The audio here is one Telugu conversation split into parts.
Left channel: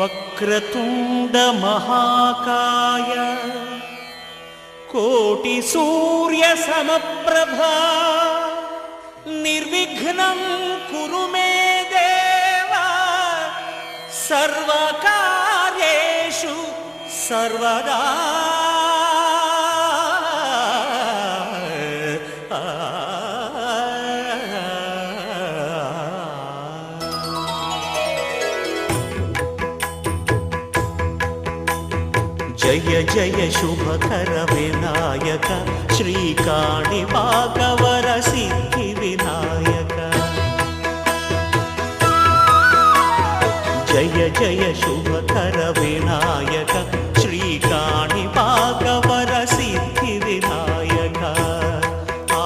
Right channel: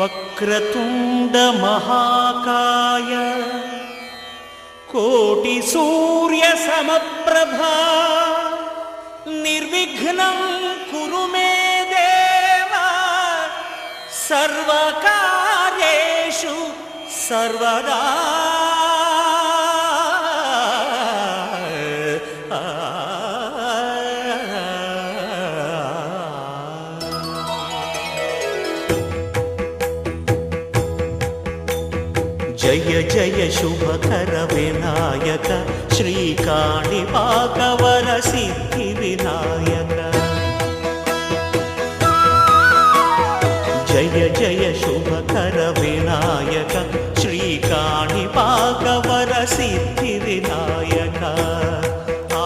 వక్రతుండ మహాకాయ కోటి సూర్య సమప్రభా నిర్విఘ్నం కురు మే దేవ సర్వకార్యేషు సర్వదా. జయ జయ శుభకర వినాయక శ్రీకాణిపాకవర సిద్ధి వినాయక. జయ జయ శుభకర వినాయక శ్రీకాణిపాకవర సిద్ధి వినాయక. ఆ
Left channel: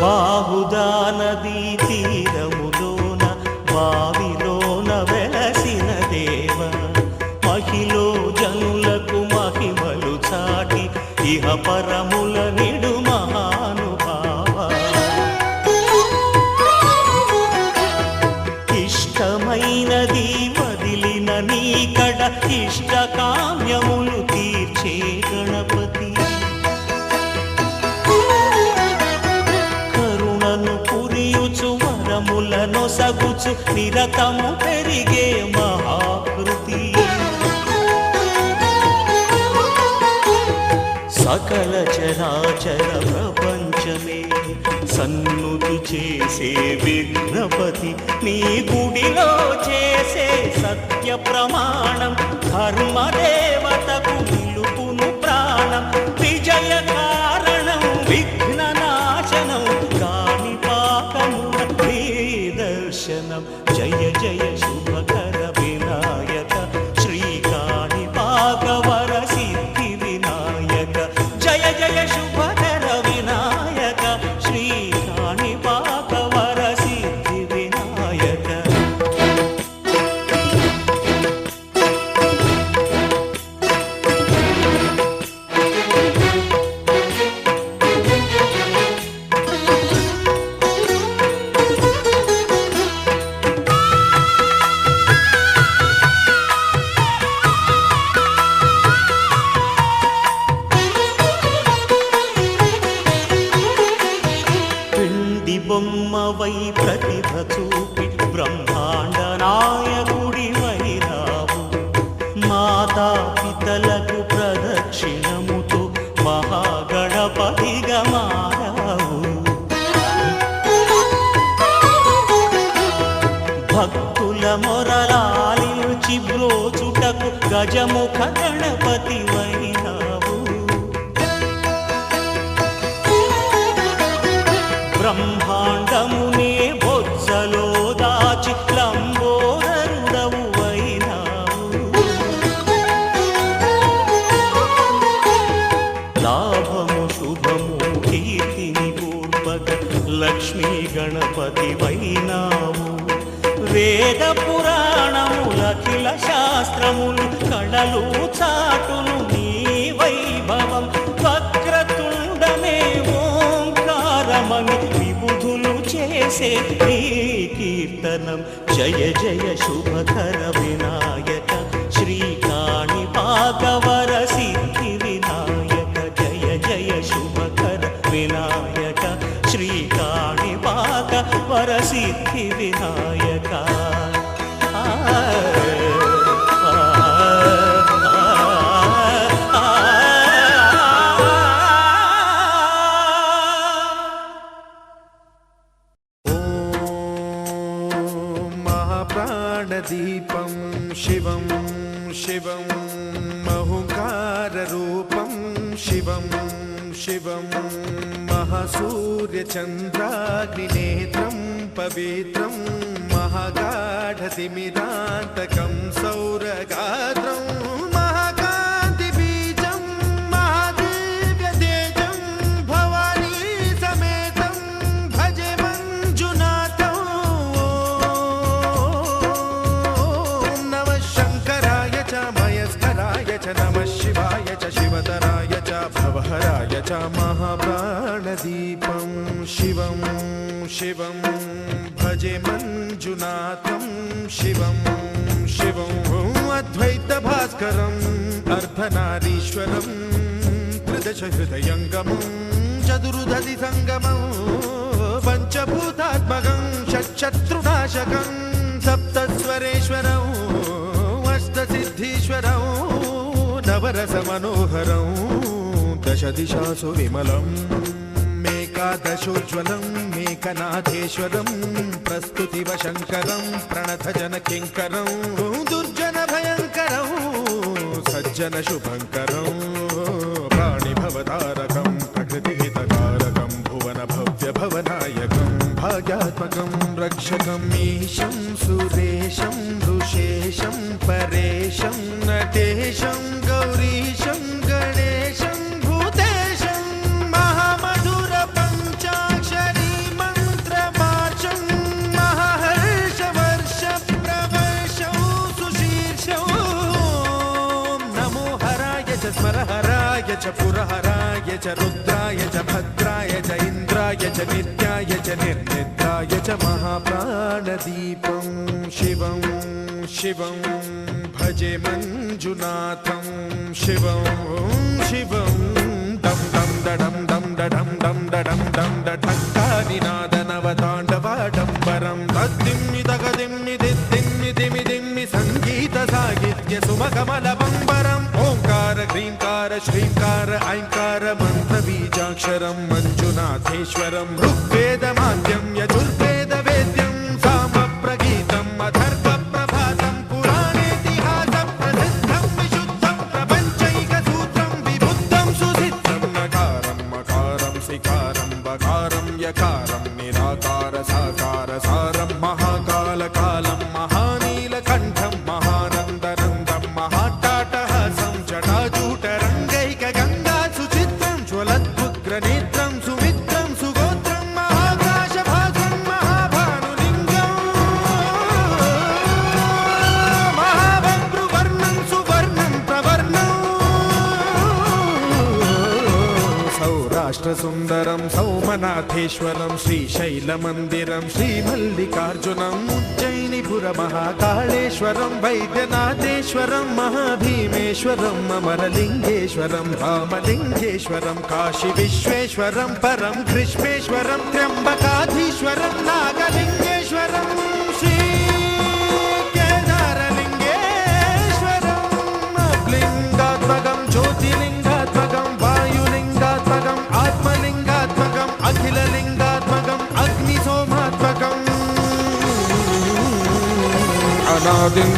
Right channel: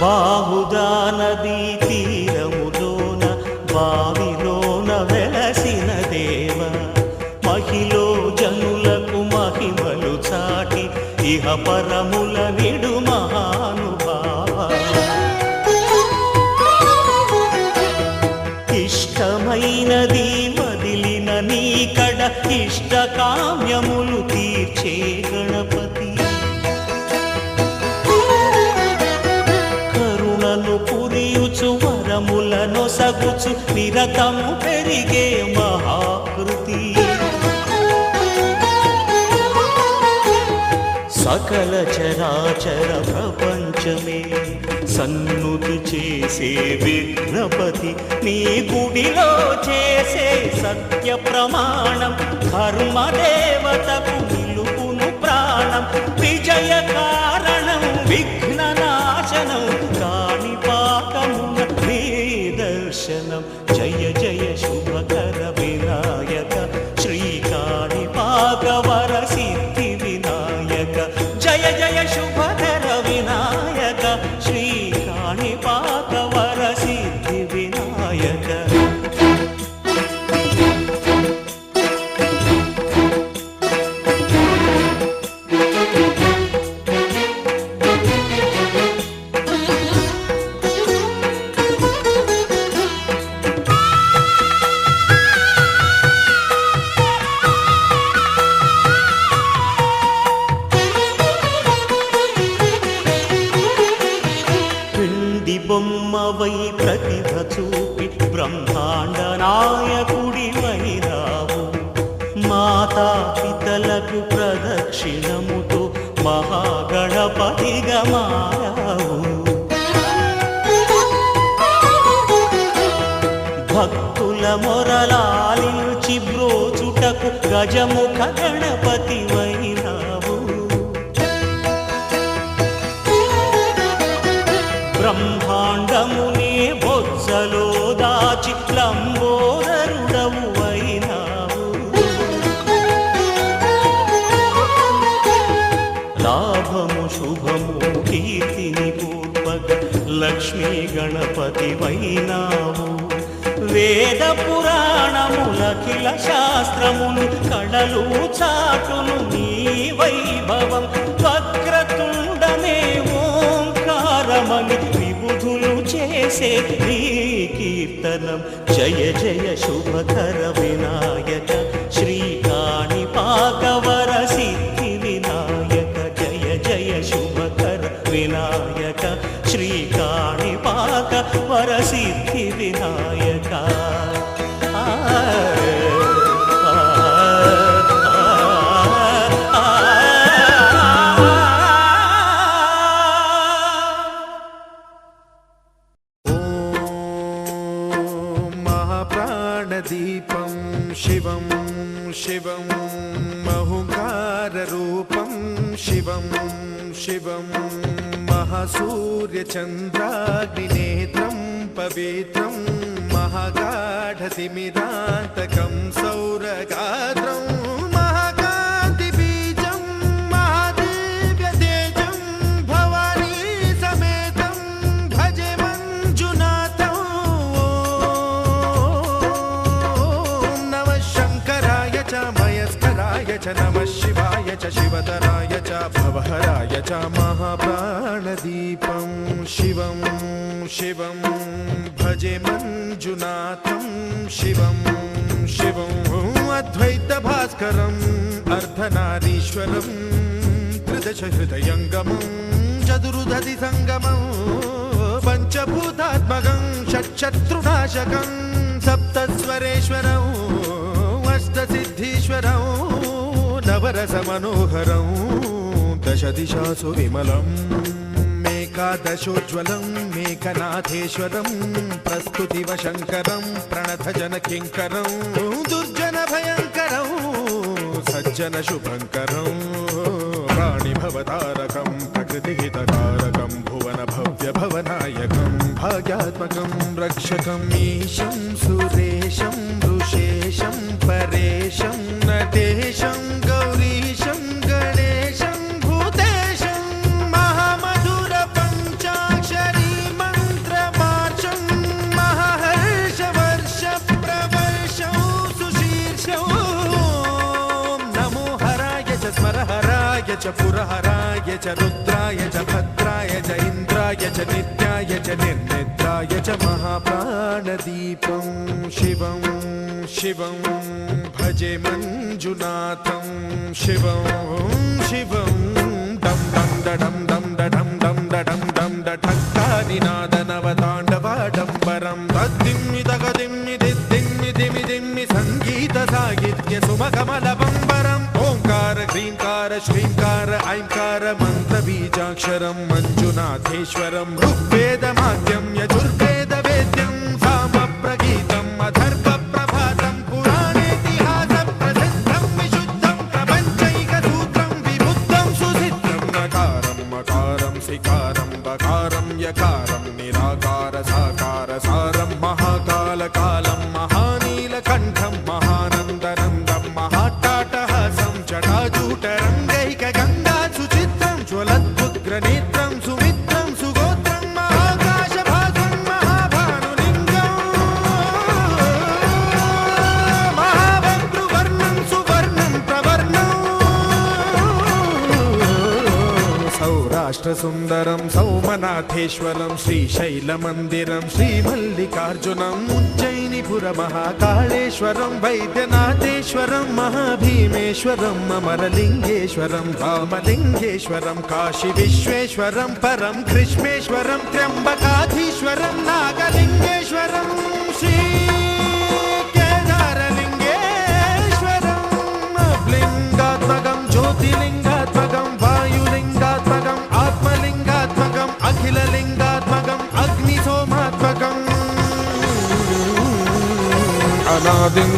బాహుదా నదీ తీరములోన బావిలోన వెలసిన దేవ మహిలో జనులకు మహిమలు చాటి ఇహ పరముల నిడు మహానుభావ. ఇష్టమైనది వదిలిన నీకడ ఇష్ట కామ్యములు తీర్చే గణపతి. పురియుచు వరములను సగుచు నిరతము పెరిగే మహాకృతి. సకల చరాచర ప్రపంచమే సన్నుతి చేసే విఘ్నపతి. నీ గుడిలో చేసే సత్య ప్రమాణం ధర్మదేవతకు నిలుపును ప్రాణం. విజయ కారణం విఘ్న నాశనం కాణిపాకమున నీ దర్శనం. జయ జయ శుభకర వినాయక శ్రీకాణిపాకవర సిద్ధి వినాయక. జయ జయ శుభకర వినాయక శ్రీకాణిపాకవర సిద్ధి వినాయక. బొమ్మవై ప్రతిభ చూపి బ్రహ్మాండ నాయకుడి వైరావు. మాతా పితలకు ప్రదక్షిణముతో మహాగణపతిగా మారావు. భక్తుల మొరలాలించి బ్రోచుటకు గజముఖ గణపతి వైరావు. బ్రహ్మాండమునే బొజ్జలో దాచి లంబోదరుడవు అయినావు. లాభము శుభము కీర్తిని పూర్వక లక్ష్మీ గణపతి వైనావు. వేద పురాణములఖిల శాస్త్రములు కళలు చాటును నీ వైభవం. వక్రతుండమే ఓంకారమని విబుధులు చేసే నీ కీర్తనం. జయ జయ శుభకర వినాయక శ్రీకాణిపాకవర సిద్ధి వినాయక. జయ జయ శుభకర వినాయక శ్రీకాణిపాకవర సిద్ధి వినాయక. దీపం శివం శివం మహుంకారరూపం శివం శివం మహాసూర్యచంద్రాగ్నినేత్రం పవిత్రం మహాగాఢతిమిరాంతకం సౌరగాత్రం మహాగా च नमः शिवाय च शिवतराय च भवहराय च महाप्राणदीपं शिवं शिवं भजे मञ्जुनाथं शिवं शिवं अद्वैतभास्करम् अर्धनारीश्वरं त्रिदशहृदयङ्गमं चतुर्दधि सङ्गमं पञ्चभूतात्मकं षट्शत्रुनाशकं सप्तस्वरेश्वरम् अष्टसिद्धीश्वरं नवरसमनोहरं दशदिशासु विमलम् मेकादशोज्ज्वलं मेकनाथेश्वरं प्रस्तुतिवशङ्करं प्रणतजनकिङ्करं दुर्जनभयङ्करं सज्जनशुभङ्करं प्राणिभवतारकं प्रकृतिहितकारकं भुवनभव्यभवनायकं भाग्यात्मकं रक्षकम् ईशं सुरेशं ऋषेशं परेशं नटेशं गौरीशं गणेशं भूतेशं महामधुरपञ्चाक्षरी मन्त्रमार्चं महाहर्षवर्षप्रवर्षं सुशीर्षं नमो हराय च स्मरहराय च पुरहराय च रुद्राय च भद्राय च इन्द्राय च नित्याय च निर्निद्राय च महाप्राणदीपं शिवं शिवं भजे मञ्जुनाथं शिवं शिवं दं दं दडं दं दडं दं दडं दं दठक्कानिनादनवताण्डवाडम्बरं तद्दिम्मि तगदिम्मि दिद्दिम्मि दिमि दिम्मि सङ्गीतसाहित्य सुमकमलबम्बरम् ओङ्कार ह्रीङ्कार श्रीङ्कार ऐङ्कार मन्त्रबीजाक्षरं मञ्जुनाथेश्वरं ऋग्वेदमाद्यं यजुर्वेदवेद्यं सामप्रगीतम् अथर्वप्रभातं पुराणेतिहासप्रसिद्धं विशुद्धं प्रपञ्चैकसूत्रं विबुद्धं सुसिद्धं नकारं मकारं सिकारं बकारं यकारं निराकार साकार सारं महाकालकालं महानीलकण्ठं महानन्दनन्दं महाट्टाटहासं जटाजूटरङ्गैकगङ्गा सुचित्रं ज्वलद्वुग्रनेत्रं सुमित्रं सुगोत्रं महाकाशभासं महाभानुलिङ्गं महाभद्रुवर्णं सुवर्णं प्रवर्णं सौराष्ट्रसुन्दरं सौमनाथेश्वरं श्रीशैलमन्दिरं श्रीमल्लिकार्जुनम् उज्जयिनीपुरमहाकाळेश्वरं वैद्यनाथेश्वरं महाभीमेश्वरम् अमरलिङ्गेश्वरं रामलिङ्गेश्वरं काशीविश्वेश्वरं परं कृष्णेश्वरं त्र्यम्बकाधीश्वरं नागलिङ्गेश्वरं श्रीकेदारलिङ्गेश्वरम् अब्लिङ्गात्मकं ज्योतिलिङ्गात्मकं वायुलिङ्गात्मकम् आत्मलिङ्गात्मकम् अखिललिङ्गात्मकम् अग्निसोमात्मकम् अनादिम्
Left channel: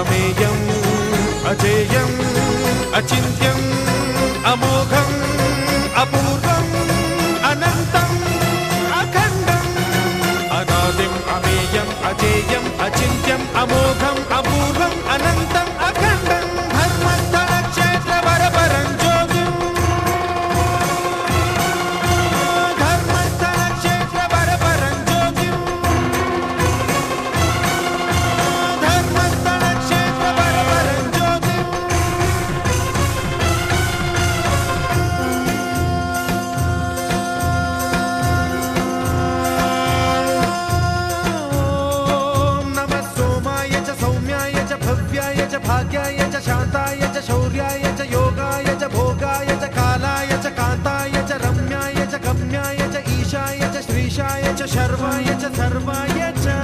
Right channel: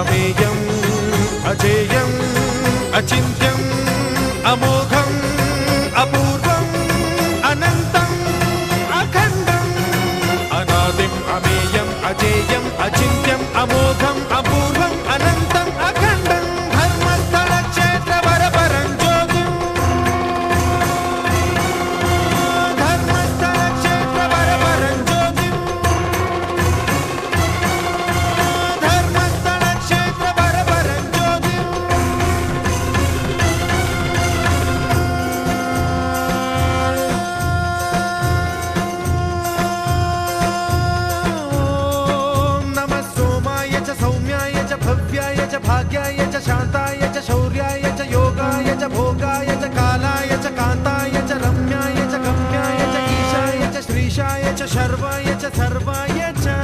अमेयम् अजेयम् अचिन्त्यम् अमोघम् अपूर्वम् अनन्तम् अखण्डम् अनादिम् अमेयम् अजेयम् अचिन्त्यम् अमोघम् अपूर्वम् अनन्तम् अखण्डम् धर्मस्थलक्षेत्रवरपरं ज्योतिम् धर्मस्थलक्षेत्रवरपरं ज्योतिम् धर्मस्थलक्षेत्रवरपरं ज्योतिम् नमः सोमाय च सौम्याय च भव्याय च भाग्याय च शान्ताय च शौर्याय च योगाय च भोगाय च कालाय च कान्ताय च रम्याय च गम्याय च ईशाय च श्रीशाय च शर्वाय च सर्वाय च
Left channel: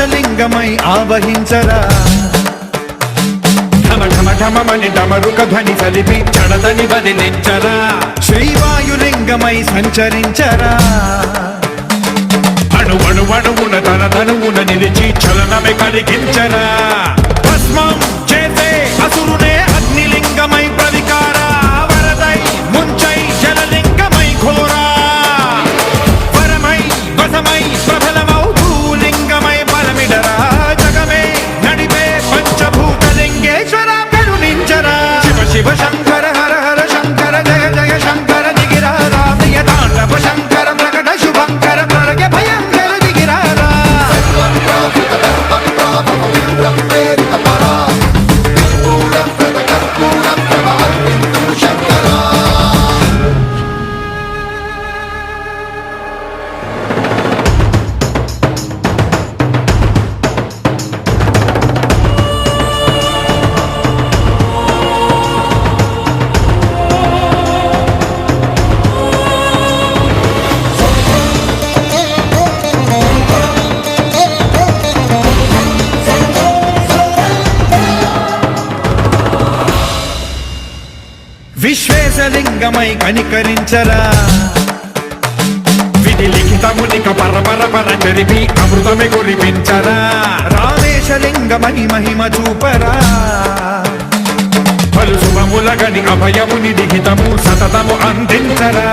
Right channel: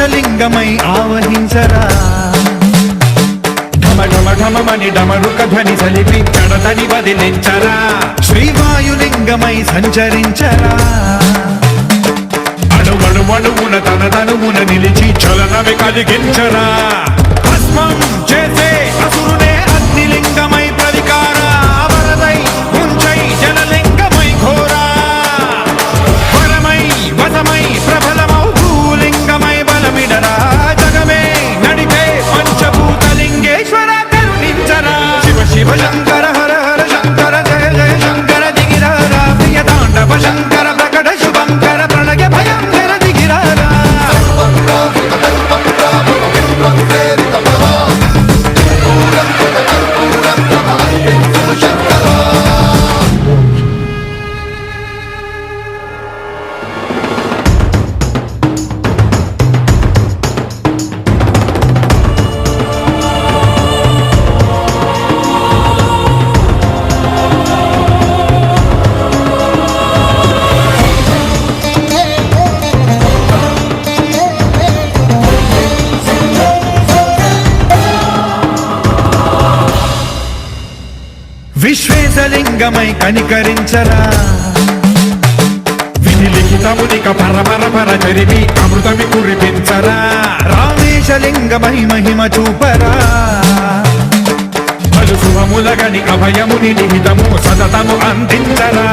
ఆకాశలింగమై ఆవహించరా ఢమఢమఢమని డమరుక ధ్వని సలిపి జడదని వదిలించరా శ్రీవాయులింగమై సంచరించరా అడువడువడువున తన తనువున నిలిచి చలనమే కలిగించరా భస్మం చేసే అసురునే అగ్నిలింగమై ప్రవికార వరదై ముంచై జలలింగమై ఘోరా వరమై వసమై ప్రబలమౌ భూలింగమై బలమిడరా జగమే నడిపే పంచభూతలింగేశ్వర కరుణించరా శివ శివ శంకర హర హర శంకర జయ జయ శంకర దిగిరారా ప్రియ తాండవ శంకర ప్రకట శుభంకర ప్రళయ భయంకర దిగిరారా విశ్వేశలింగమై కనికరించరా విధి లిఖితమునిక పరపర పర చరివి అమృతమి కురిపించరా రామేశలింగమై మహిమ చూపరా పలు శుభములగని అభయముని లిఖితము సతతము అందించరా